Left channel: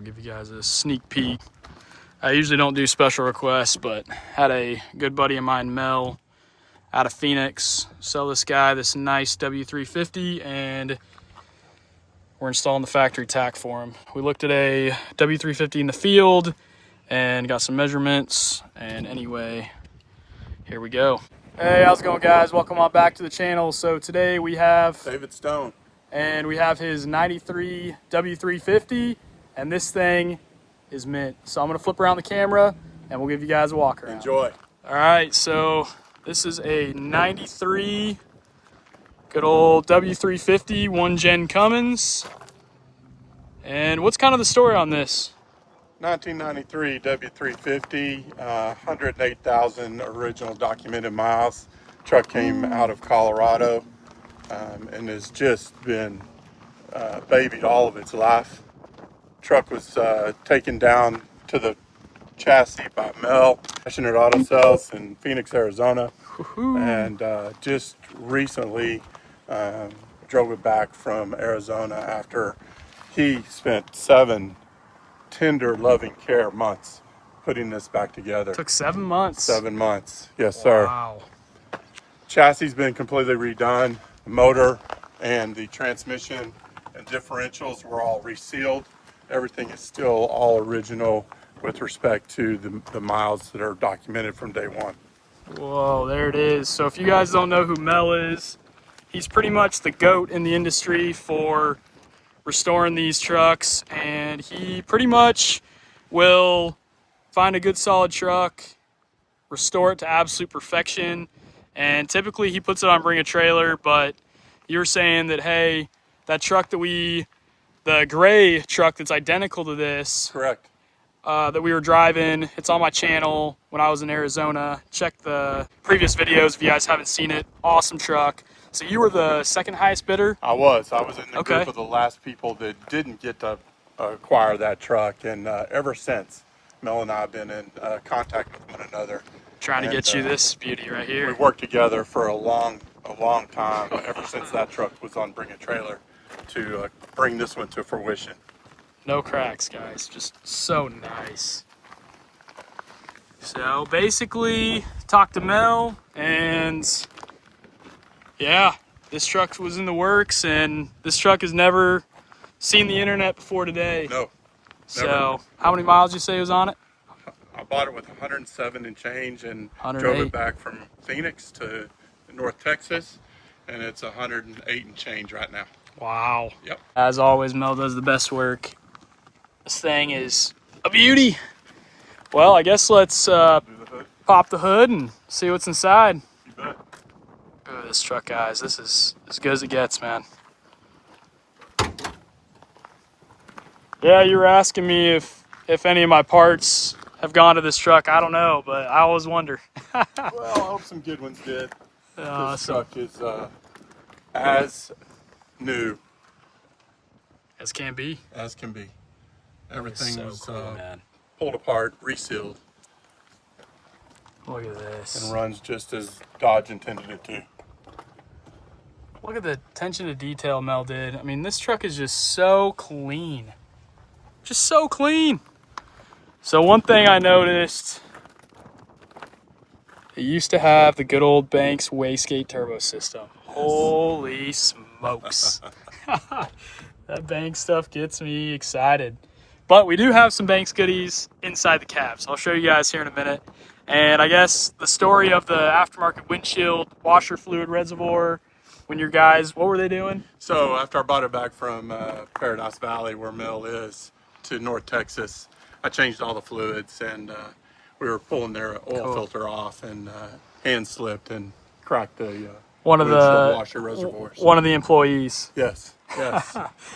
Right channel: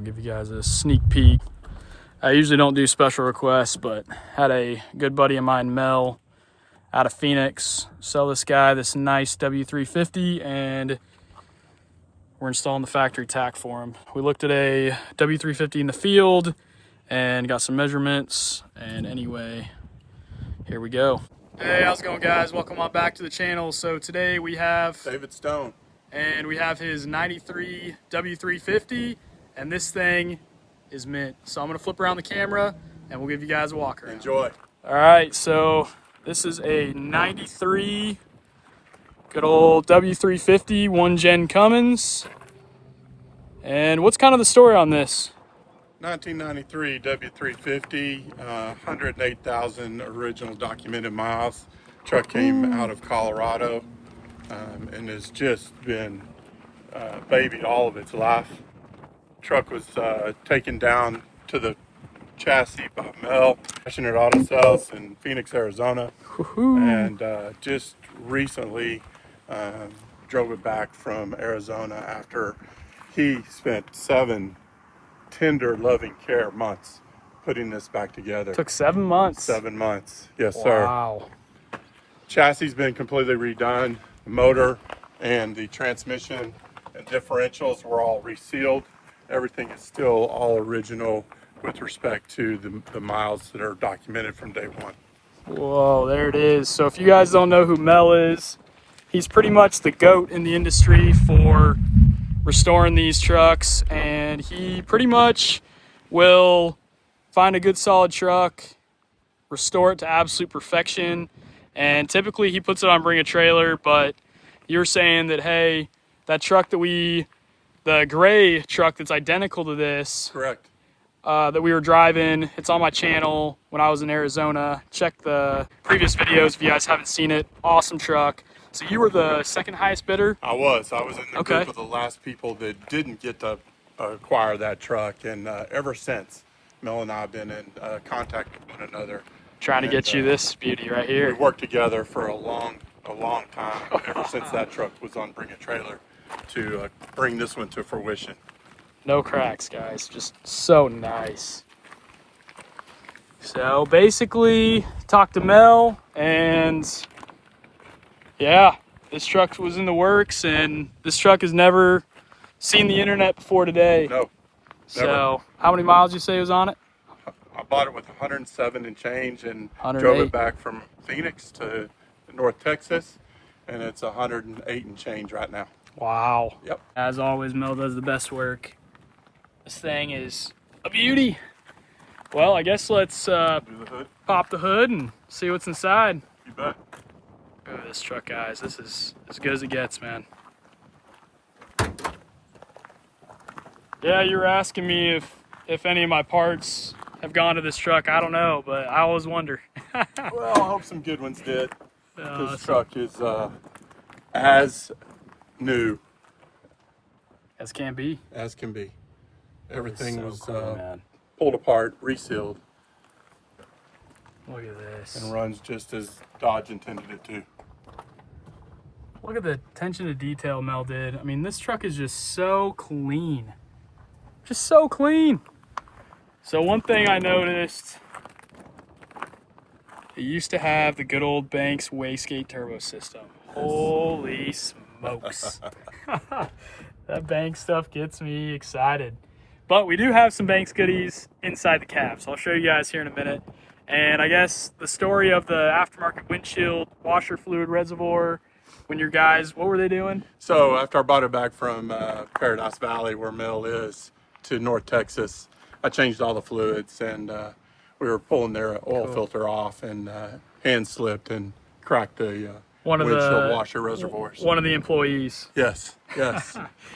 I'll give you guys a sneak peek. I usually don't do special requests, but had a good buddy of mine, Mel, out of Phoenix, sell this guy this nice W350, and we're installing the factory tack for him. We looked at a W350 in the field and got some measurements, and anyway, here we go. Hey, how's it going, guys? Welcome on back to the channel. So today we have David Stone, and we have his 93 W350, and this thing is mint. So I'm gonna flip around the camera and we'll give you guys a walk around. enjoy. All right, so this is a 93 good old W350 one gen Cummins. And what's kind of the story on this? 1993 W350, 108,000 original documented miles. Truck came out of Colorado and has just been babied all of its life. Truck was taken down to the chassis by Mel, Passionate Auto Sales in Phoenix, Arizona, and just recently drove it back from Arizona after he spent 7 tender, loving care months putting this back together. Took 7 months. 7 months, yes, sir. Wow. Chassis been completely redone. The motor and the transmission and differentials were all resealed. Everything is still all original with respect to the miles that are documented from day one. Whoa, there it is. So if you guys don't know who Mel is, he's pretty much the GOAT in the industry for restoring these trucks, and he pretty much will find a good solid truck, restore it to absolute perfection, and typically he puts it on Bring a Trailer. But you're saying that, hey, that truck that the gray truck that's identical to this, Correct. that we were driving, it's on my channel when I was in Arizona. Check the previous videos if you guys haven't seen it. Awesome truck. So you were the second highest bidder? I was in the group of the last people that didn't get to acquire that truck, and ever since, Mel and I have been in contact with one another. Trying to get you this beauty right here. We've worked together for a long time, ever since that truck was on Bring a Trailer, to bring this one to fruition. No cracks, guys. Just so nice. So basically, talked to Mel, and yeah, this truck was in the works, and this truck has never seen the internet before today. No. Never. So how many miles did you say was on it? I bought it with 107 and change, and 108. drove it back from Phoenix to North Texas, and it's 108 and change right now. Wow. Yep. As always, Mel does the best work. This thing is a beauty. Well, I guess let's pop the hood and see what's inside. You bet. Look at this truck, guys. This is as good as it gets, man. Yeah, you were asking me if any of my parts have gone to this truck. I don't know, but I always wonder. Well, I hope some good ones did. This truck is as new as can be. as can be. Everything So was cool, man. pulled apart, resealed, Look at this. and runs just as Dodge intended it to. Look at the attention to detail Mel did. I mean, this truck is just so clean. Just so clean. So one thing I noticed, it used to have the good old Banks wastegate turbo system. Holy smokes. That Banks stuff gets me excited. But we do have some Banks goodies inside the cab, so I'll show you guys here in a minute. And I guess the story of the aftermarket windshield washer fluid reservoir, when your guys, what were they doing? So after I bought it back from Paradise Valley, where Mel is, to North Texas, I changed all the fluids, and we were pulling their oil filter off, and hand slipped and cracked the windshield washer reservoirs. One of the employees. Yes.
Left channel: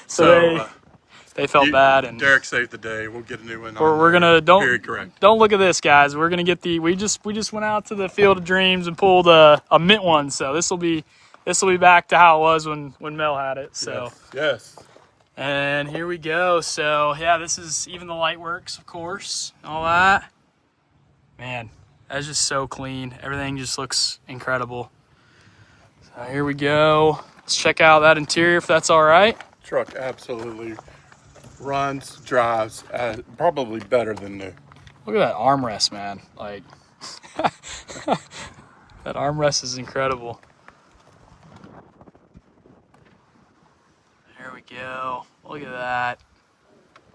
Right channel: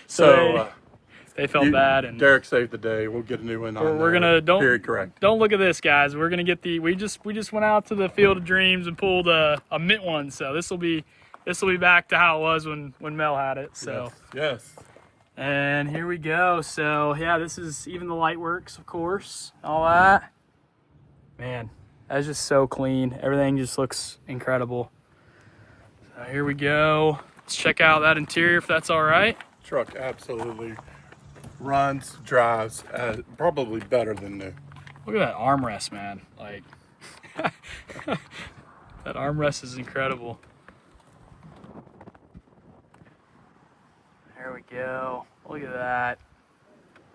So they felt bad, and Derek saved the day. We'll get a new one. we're gonna period correct. Don't look at this, guys. We're gonna get we just went out to the Field of Dreams and pulled a mint one. So this will be back to how it was when Mel had it. So yes. And here we go. So yeah, this is even the light works, of course, all that. Man, that's just so clean. Everything just looks incredible. So here we go. Let's check out that interior if that's all right. Truck absolutely runs, drives probably better than new. Look at that armrest, man. Like, that armrest is incredible. There we go. Look at that.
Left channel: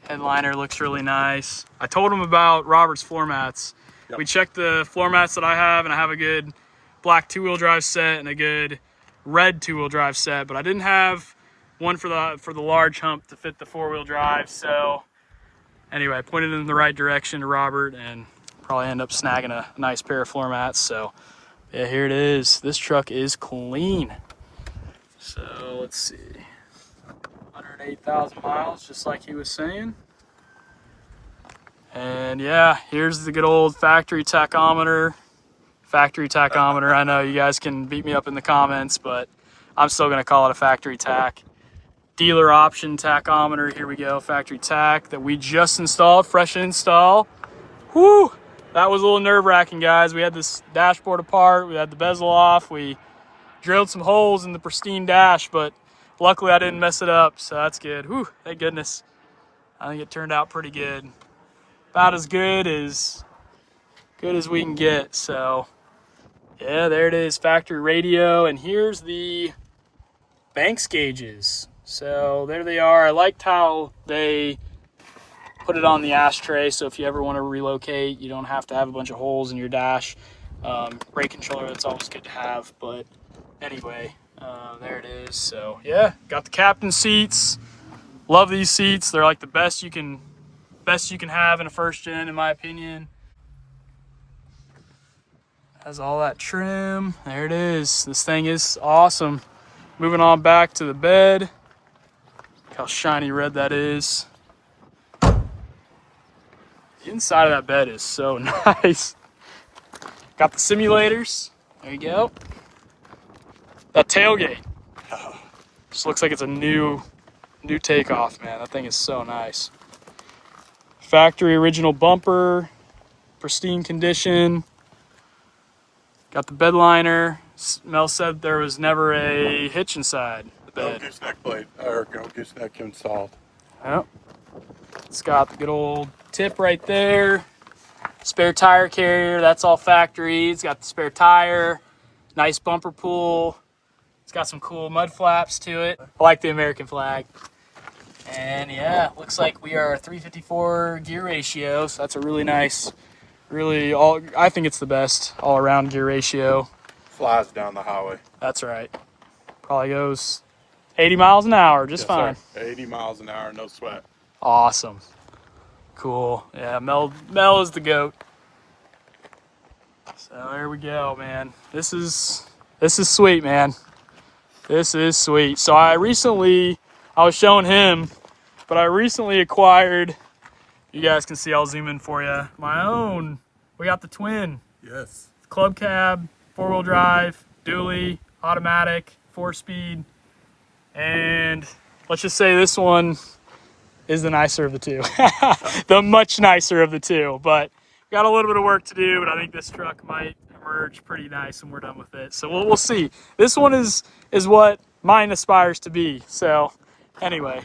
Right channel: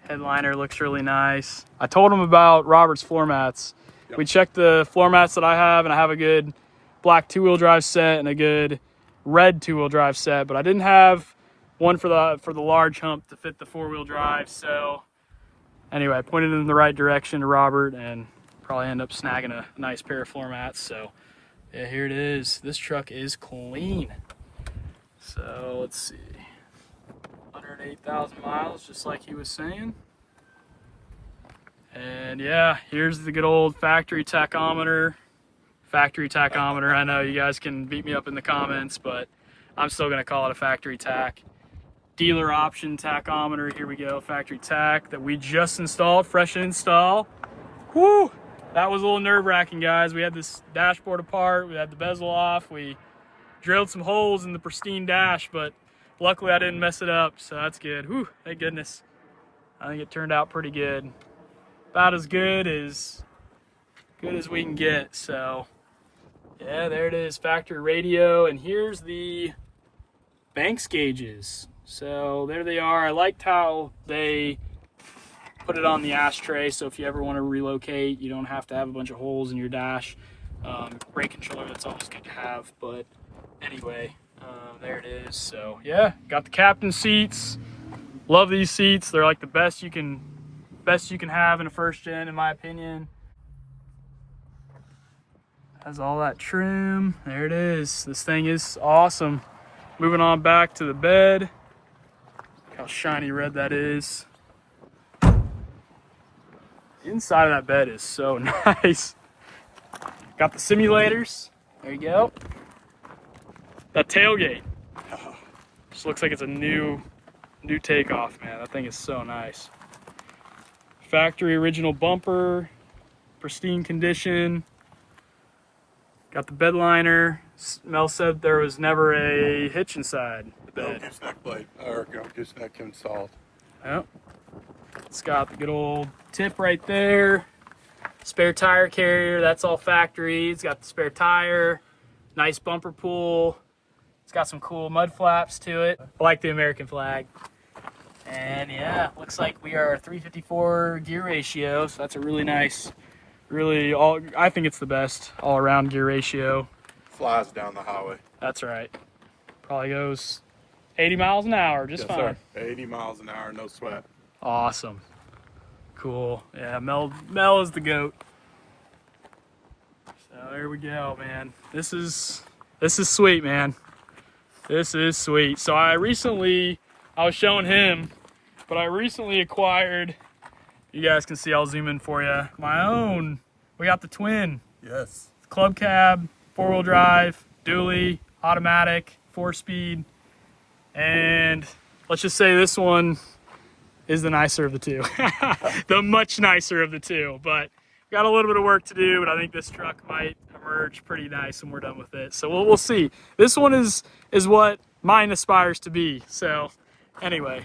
Headliner looks really nice. I told him about Robert's floor mats. Yep. We checked the floor mats that I have, and I have a good black two-wheel drive set and a good red two-wheel drive set, but I didn't have one for the large hump to fit the four-wheel drive. So anyway, I pointed in the right direction to Robert and probably end up snagging a nice pair of floor mats. So yeah, here it is. This truck is clean. So let's see. 108,000 miles, just like he was saying. And yeah, here's the good old factory tachometer. I know you guys can beat me up in the comments, but I'm still going to call it a factory tack. Dealer option tachometer. Here we go, factory tack that we just installed, fresh install. Whoo! That was a little nerve-wracking, guys. We had this dashboard apart, we had the bezel off, we drilled some holes in the pristine dash, but luckily I didn't mess it up, so that's good. Whew, thank goodness. I think it turned out pretty good. About as good as we can get. So yeah, there it is, factory radio. And here's the Banks gauges. So there they are. I liked how they put it on the ashtray, so if you ever want to relocate, you don't have to have a bunch of holes in your dash. Brake controller, that's always good to have. But anyway, there it is. So yeah, got the captain seats. Love these seats. They're like the best you can have in a first gen, in my opinion. Has all that trim. There it is. This thing is awesome. Moving on back to the bed. Look how shiny red that is. The inside of that bed is so nice. Got the simulators. There you go. That tailgate just looks like it's a new takeoff, man. That thing is so nice. Factory original bumper, pristine condition. Got the bed liner. Mel said there was never a hitch inside the bed. No gooseneck blade or gooseneck installed. Yep. It's got the good old tip right there. Spare tire carrier, that's all factory. It's got the spare tire. Nice bumper pull. It's got some cool mud flaps to it. I like the American flag. And yeah, looks like we are a 354 gear ratio, so that's a really nice, I think it's the best all-around gear ratio. Flies down the highway. That's right. Probably goes 80 miles an hour, just fine. Sir. 80 miles an hour, no sweat. Awesome. Cool. Yeah, Mel is the GOAT. So there we go, man. This is sweet, man. This is sweet. So I was showing him, but I recently acquired, you guys can see, I'll zoom in for you, my own. We got the twin. Yes. Club cab, four-wheel drive, dually, automatic, 4-speed. And let's just say this one is the nicer of the two. The much nicer of the two. But got a little bit of work to do, but I think this truck might emerge pretty nice when we're done with it. So we'll see. This one is what mine aspires to be. So anyway,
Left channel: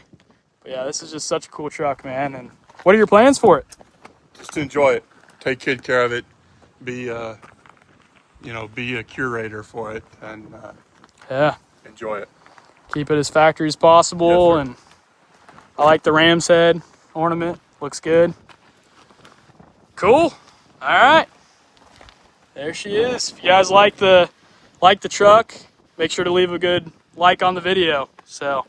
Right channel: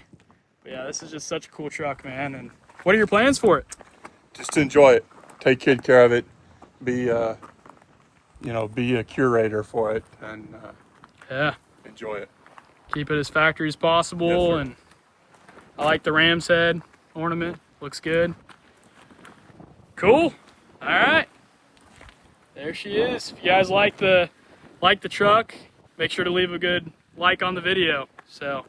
but yeah, this is just such a cool truck, man. And what are your plans for it? Just to enjoy it. Take good care of it. Be a curator for it, and yeah, enjoy it. Keep it as factory as possible. Yes, and I like the ram's head ornament. Looks good. Cool. All right. There she is. If you guys like the truck, make sure to leave a good like on the video. So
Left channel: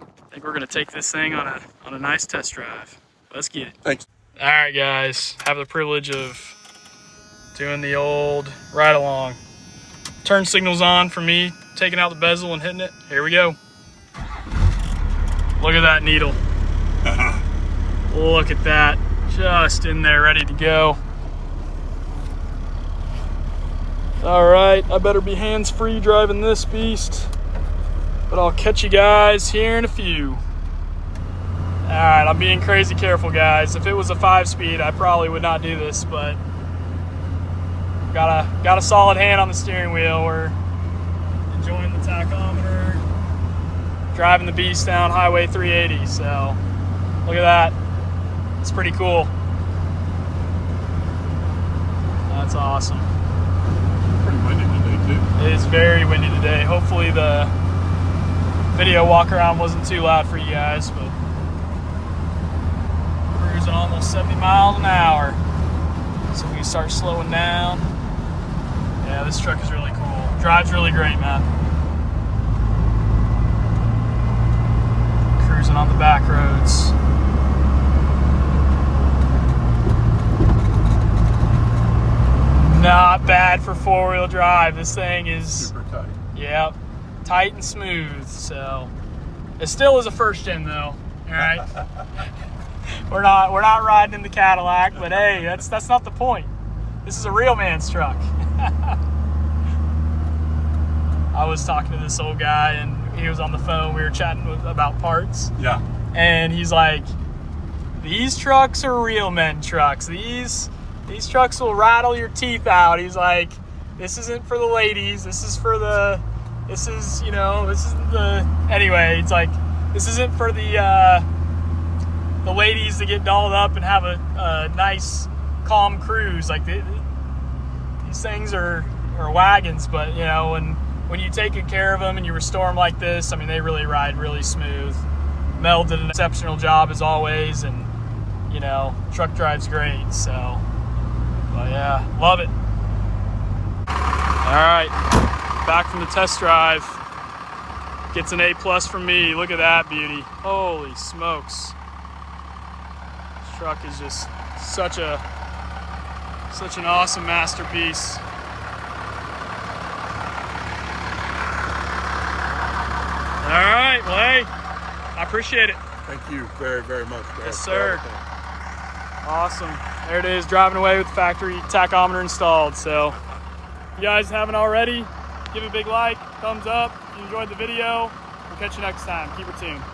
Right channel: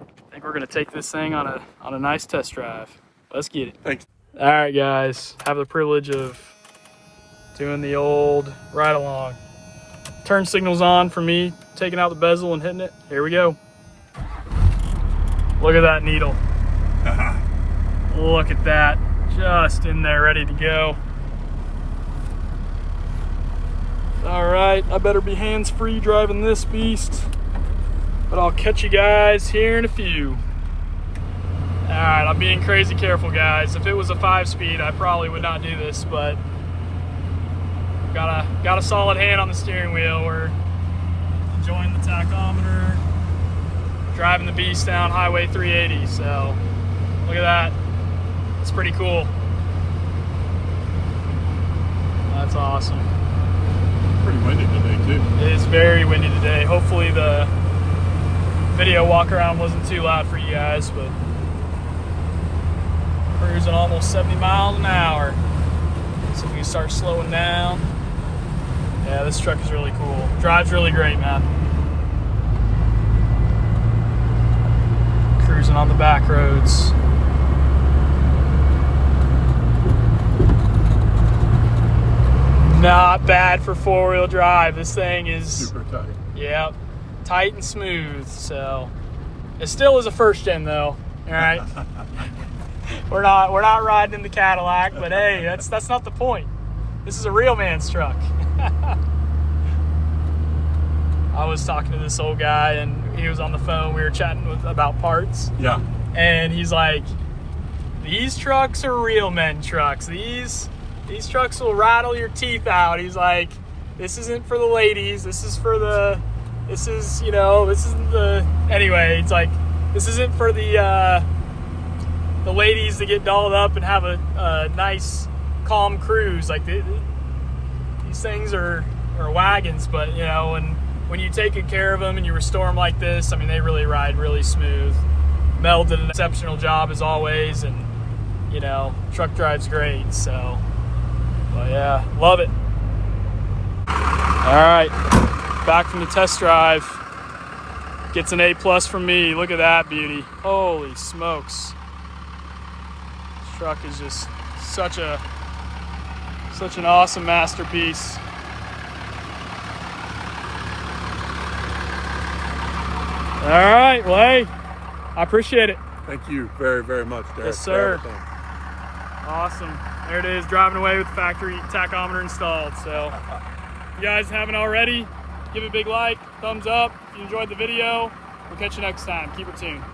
I think we're gonna take this thing on a nice test drive. Let's get it. Thanks. All right, guys. Have the privilege of doing the old ride along. Turn signals on for me, taking out the bezel and hitting it. Here we go. Look at that needle. Look at that. Just in there, ready to go. All right, I better be hands-free driving this beast, but I'll catch you guys here in a few. All right, I'm being crazy careful, guys. If it was a 5-speed, I probably would not do this, but got a solid hand on the steering wheel. We're enjoying the tachometer. driving the beast down Highway 380. So look at that. It's pretty cool. That's awesome. Pretty windy today too. It is very windy today. Hopefully the video walk around wasn't too loud for you guys, but cruising almost 70 miles an hour. So if we can start slowing down. Yeah, this truck is really cool. Drives really great, man. Cruising on the back roads. Not bad for four-wheel drive. This thing is Super tight. yeah, tight and smooth. So it still is a first gen though. All right. We're not riding in the Cadillac, but hey, that's not the point. This is a real man's truck. I was talking to this old guy and he was on the phone. We were chatting about parts. Yeah. And he's like, these trucks are real men trucks. These trucks will rattle your teeth out. He's like, this isn't for the ladies. This is anyway, it's like, this isn't for the ladies to get dolled up and have a nice, calm cruise. Like, these things are wagons, but, you know, when you take good care of them and you restore them like this, I mean, they really ride really smooth. Mel did an exceptional job as always, and, you know, truck drives great, so, well, yeah, love it. All right, back from the test drive. Gets an A+ from me. Look at that beauty. Holy smokes. This truck is just such an awesome masterpiece. All right, well, hey, I appreciate it. Thank you very, very much, Derek. Yes, sir. Awesome. There it is, driving away with the factory tachometer installed. So if you guys haven't already, give it a big like, thumbs up. If you enjoyed the video, we'll catch you next time. Keep it tuned.